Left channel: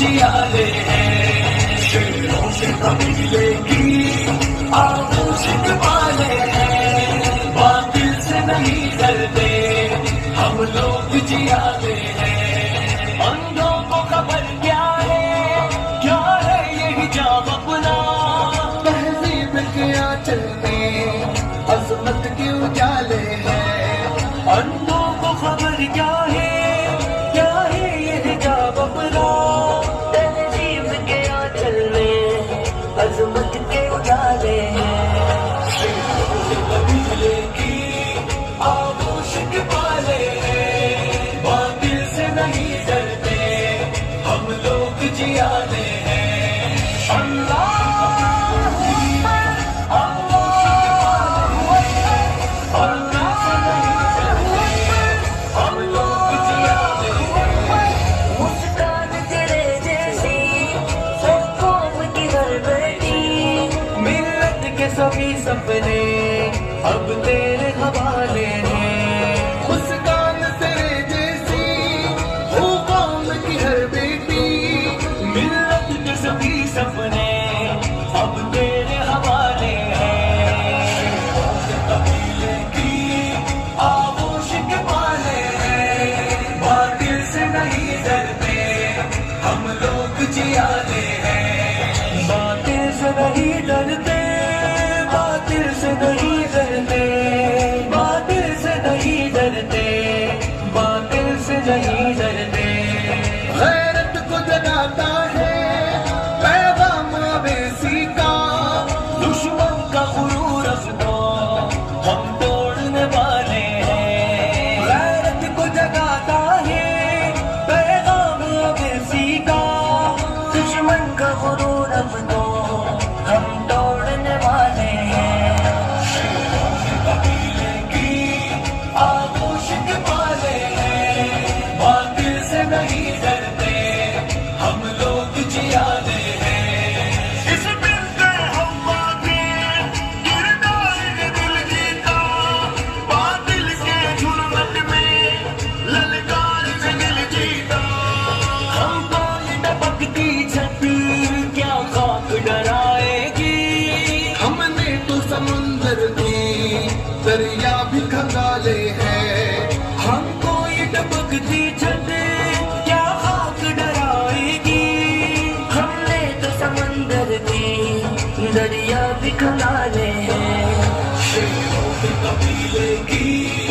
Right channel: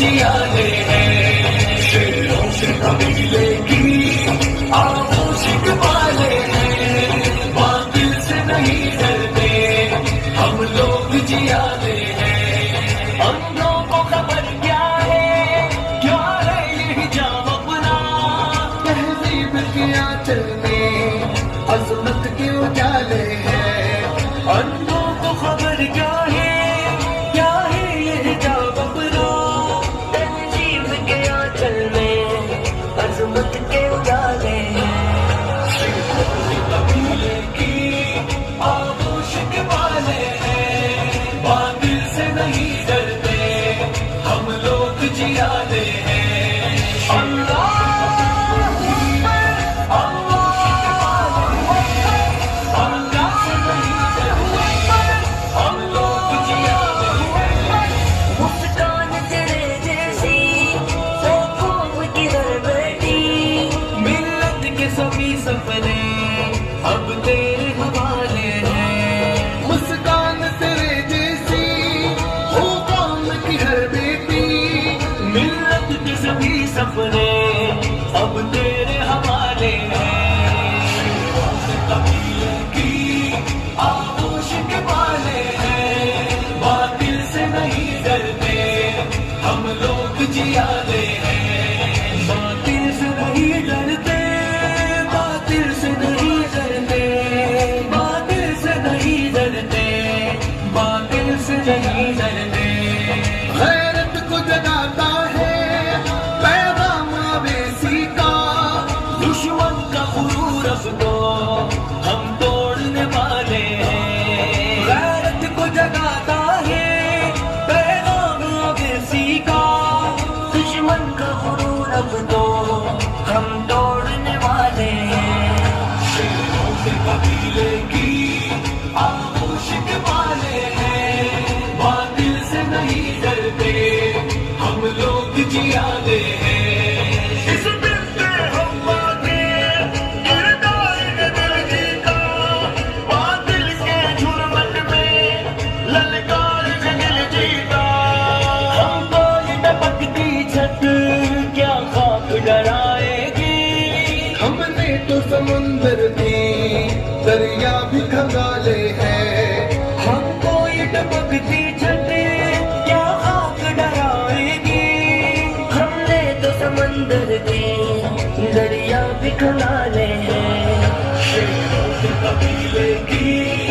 जियाले हैं शेरों के कबीले की आगोशिक वाले हैं, बातिल से नहीं डरते हम लोग जियाले हैं। अंधों को खबर क्या है ये हिजाब अपना, तहजीब के आंचल में अजमत के उजाले हैं। अंधों को खबर क्या है ये हिजाब अपना, अजमत के उजाले कबीले की आगोशिक वाले हैं, बातिल से नहीं डरते हम लोग जियाले हैं। अल्लाह सभी सपने अब तेरे हवाले हैं। मुस्कान तेरे जैसी हो कौम की हर बेटी, मिल्लत के सभी सपने अब तेरे हवाले हैं। कबीले की आगोशिक वाले हैं, बातिल से नहीं डरते हम लोग जियाले हैं। बातिल से नहीं डरते, बातिल से नहीं डरते, बातिल से नहीं डरते, बातिल से नहीं डरते। गैरत को जगाता है पैगाम अवेसी का, दुश्मन का गुरूर अपनो हम तोड़ने वाले हैं। गैरत को जगाता है पैगाम अवेसी का, दुश्मन का गुरूर अपनो हम तोड़ने वाले हैं। कबीले की आगोशिक वाले हैं, बातिल से नहीं डरते हम लोग जियाले हैं। इस दिल से हम किरदार दिल जीता, बातिल के जुल्मत में ललकार से दिल जीता। हमको ये टपकती छत क्या खाक डराएगी, हमने तो समुंदर में दरिया भी खंगाले हैं। हमको ये टपकती छत क्या खाक डराएगी, हमने तो समंदर की दरिया भी खंगाले हैं। शेरों के कबीले की